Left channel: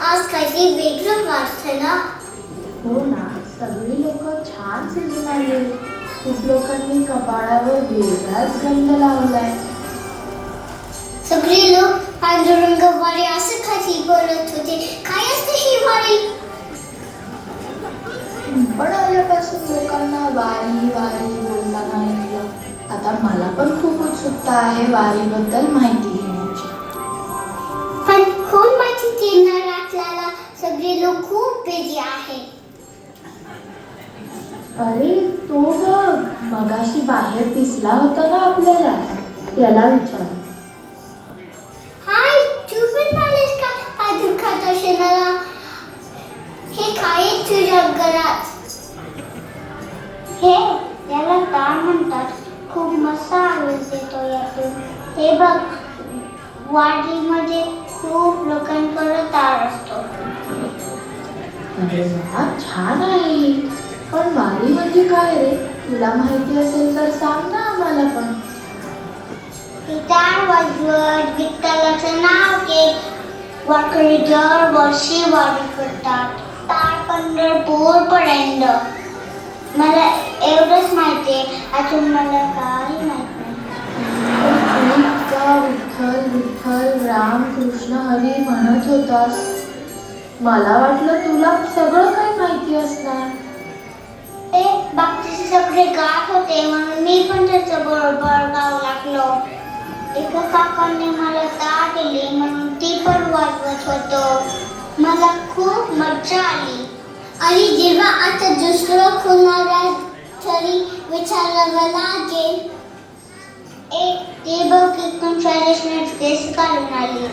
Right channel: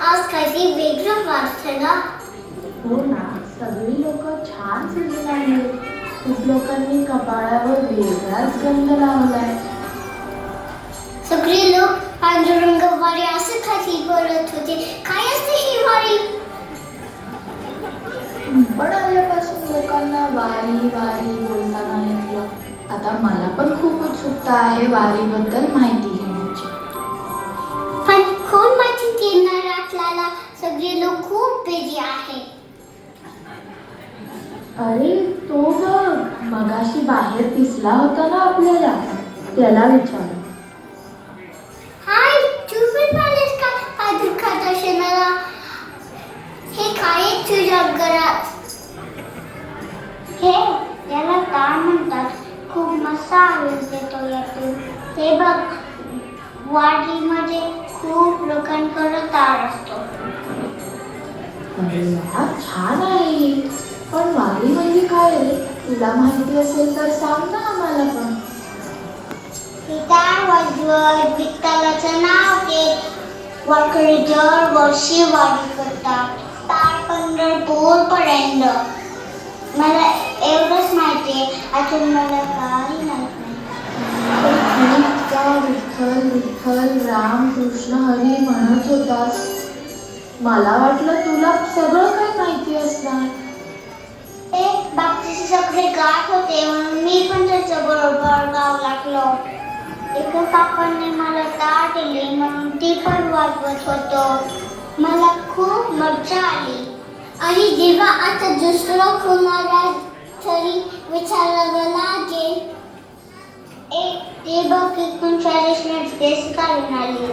आज काहीतरी वेगळं वाटतं ना. हो ना, सगळी लोक छान सजून आले. खूप लोकांनी कपाळावर वेगळाच रंग लावलाय. सगळे लोक पांडुरंगवाडी असं खाली बोलत होते. काय असते ही वारी? पण आल्यापासून लोकांना वारी वारी बोलताना ऐकलं. आता मला पण खूप उत्सुकता आहे वारीबद्दल माहिती घेण्याची. पण कोण माहिती देणार आपल्याला? सगळे लोक खूप बिझी आहेत. अरे तो बघ, मगाशी बाहेर दिसला होता ना आपल्याला, त्याला विचार. हाय, तू पण आलीस का पादुका दर्शनाला? हे काय आहे तुझ्या घरात? हे याला काय म्हणतात? खूप मस्त आवाज येतो यातून. हे बघ, वाडीमध्ये खूप लोकांकडे तार असतो. अरे वा, छान आहे ही. पण वारी म्हणजे काय रे? तुला माहिती असेल तर सांग ना आम्हाला पण. गिटार वाजवत विठ्ठलाचं नाव घेत वारकरी दर वर्षी वारी करतात. तार पंढरपूर पर्यंत. मला एवढंच माहितीये, अजून मला काही माहित नाही. त्या विठ्ठल विठ्ठल राम कृष्ण हरी म्हणत होतास. मला वाटलं तुला सगळं काय माहिती असणार. ते बाकीचे सगळे गात होते म्हणून मी पण त्याच्या बरोबर गाव लागलो. एका काकांनी मला तार दिली म्हणून ती पण वाजवत होतो. मला खूप मजा आली. आणि जेव्हा आता दुसरं कोणाला तरी विचारावं लागेल, ते बघ इथून शाळेत केस काढून आली.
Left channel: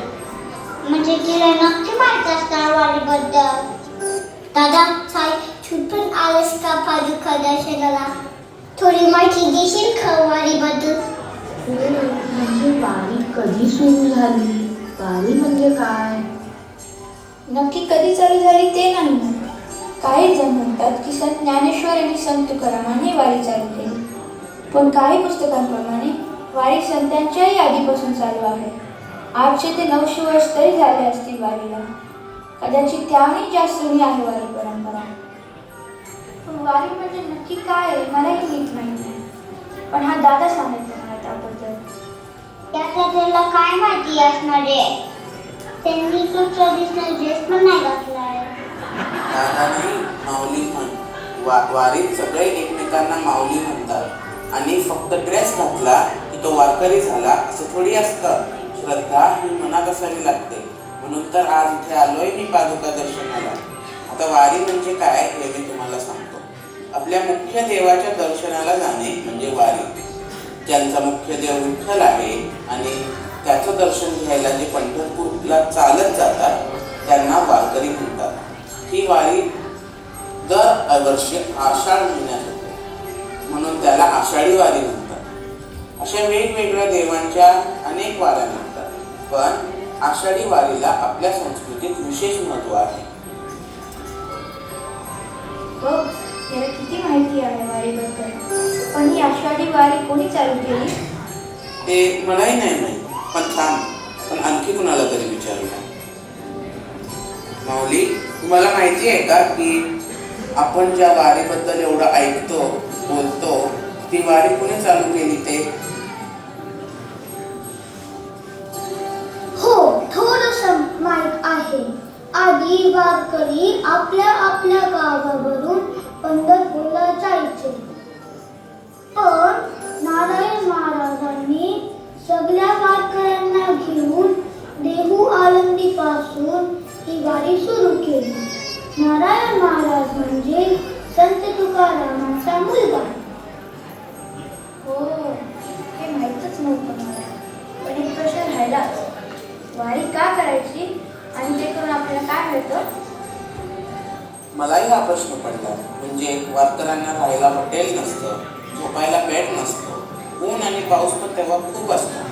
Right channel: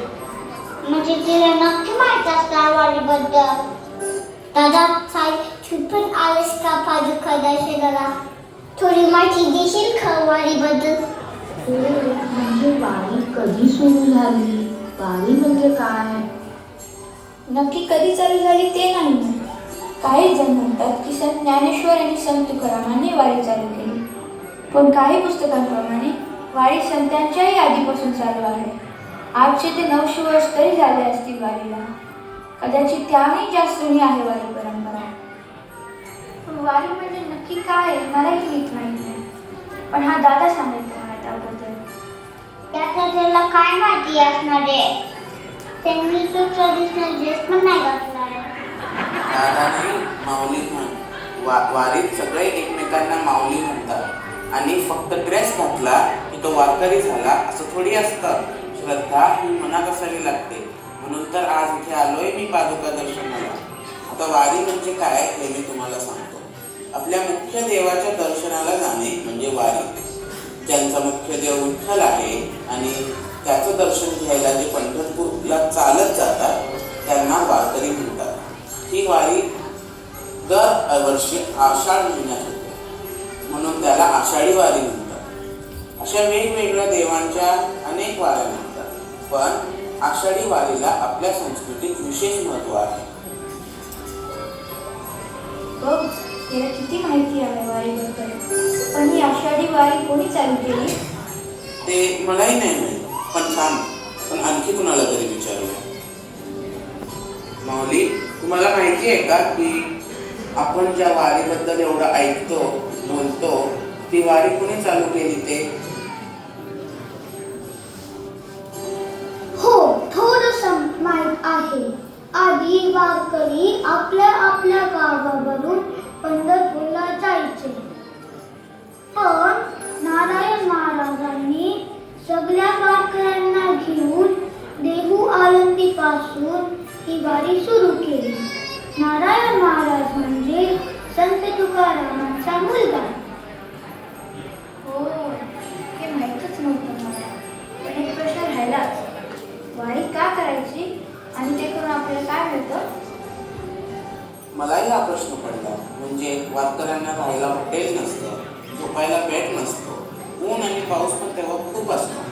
म्हणजे तिला नक्की माहिती असणार वारीबद्दल. दादा, साई, तू पण आलीस का पादुका दर्शनाला? थोडी माहिती देशील का वारीबद्दल? म्हणजे वारी कधी सुरू झाली? वारी म्हणजे काय? नक्की कधी चालू झाली ते नाही माहित. काही जण म्हणतात की संत ज्ञानेश्वर आणि संत तुकारामांनी वारी चालू केली. पण काही पुस्तकांप्रमाणे वारी संतांच्याही आधीपासून चालू आहे. 800 ते 900 वर्ष तरी झाले असतील वारीला. कदाचित त्याहूनही जास्त जुनी आहे वारी परंपरा. पण वारी म्हणजे नक्की काय आहे मलाही नीट माहिती नाही. पण हा दादा सांगत मला त्याबद्दल. त्याचा त्याला काय माहिती असणार आहे? त्यांनी तो ट्रेडिशनल ड्रेस पण नाही घातलाय. दादाने माऊली म्हण. वारीत सगळे एकमेकांना माऊली म्हणतात. आणि फक्त ड्रेस घातला की तो वारकरी झाला असं थोडी असतं. श्रद्धा ही मनात असावी लागते. म्हणून तर आज इथे आलोय मी पादुका दर्शनाला. आता वारी म्हणजे काय हे मी तुम्हाला सांगतो. आपल्या मुख्य देवाच्या दर्शनाला जाणे म्हणजे वारी. ज्यांचा मुख्य देव विठ्ठल आहे आणि त्याचं दर्शन घ्यायला जे पंढरपूरला चालत जातात त्यांना वारकरी म्हणतात. ही वारी दर वर्षी आषाढ महिन्यात होते म्हणून त्याला आषाढी वारी म्हणतात. अशा वेगवेगळ्या देवांच्या अनेक वाऱ्या म्हणतात. पण आषाढी वारीला आपल्या संस्कृतीत विशेष महत्त्व आहे. बघ, याला किती माहिती आहे वारीबद्दल. पण ही आषाढी वारी कोणी चालू केली? ते मलाही नाही माहीत. पण छान. पण आणखी कुणाला तरी विचारूया. माऊली, तुम्हाला माहिती आहे का की आपण ज्या वारीबद्दल एवढं ऐकतो बोलतो ती वारी कुणी चालू केली ते? हो, थोडंसं माहित आहे. आधी वारकरी आपल्या आपल्या गावावरून पंढरपूरला जायचे. पण नारायण महाराजांनी सगळ्या वारकऱ्यांना घेऊन देहू आळंदी पासून ही वारी सुरू केली. नारायण महाराज म्हणजे संत तुकारामांचा मुलगा. हो, हे माहीतच नव्हतं मला. पण एक प्रश्न राहिलाच. वारी का करायची आणि ते करून आपल्याला काय मिळतं? मलाही हा प्रश्न पडला. म्हणजे वारकऱ्यांना राहायला हॉटेल नसतं, झोपायला बेड नसतो, ऊन आणि पाऊस पण तेव्हा खूप असतो.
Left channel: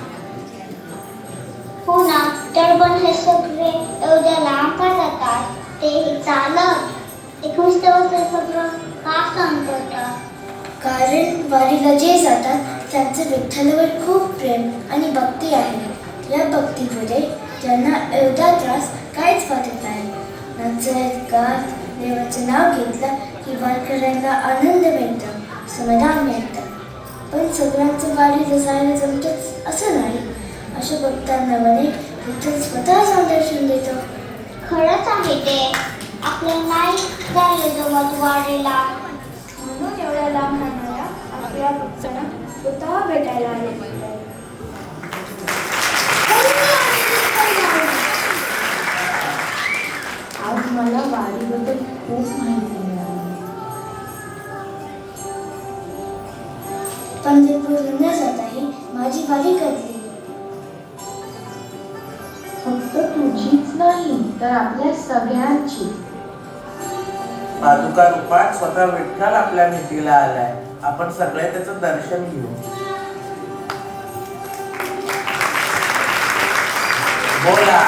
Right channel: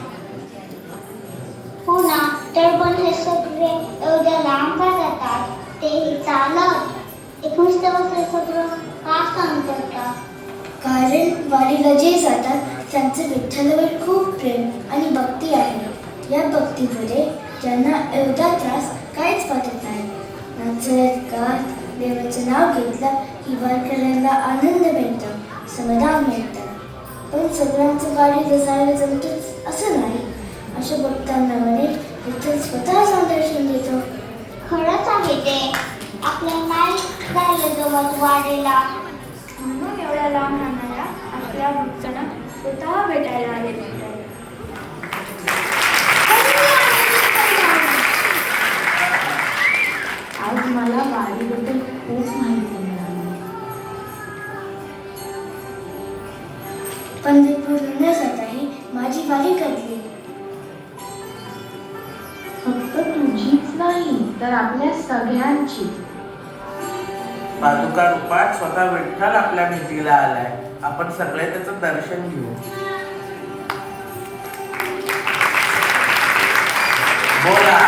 हो ना, तर पण हे सगळे एवढ्या लांब का जातात? ते चालत एक सगळं का सांगतात? कारण वारीला जे जातात त्यांचं विठ्ठलावर खूप प्रेम आणि भक्ती आहे. या भक्तीमुळे त्यांना एवढा त्रास काहीच वाटत नाही. देवाचं नाव घेतलं की वारकऱ्यांना आनंद मिळतो, समाधान मिळतं. पण सगळ्यांचं वारीला जायला जमतंच असं नाही. अशा भक्तांना म्हणे विठ्ठल स्वतः दर्शन देतो. खरंच आहे ते. आपल्याला नाही जायला जमत वारीला. म्हणून एवढ्या लांब राहणाऱ्या आपल्या भक्तांना स्वतः भेटायला आले म्हणतात. आज मला वारीबद्दल खूप माहिती मिळाली. पंढरपूर म्हणण्यासाठी माझी वारी करली. फक्त तुझीच नाही तर आपल्या सगळ्यांची. पादुका रूपात स्वतः विठ्ठल आपल्या भेटीला आलाय. आपण सगळे त्याचं दर्शन घेऊ. बोला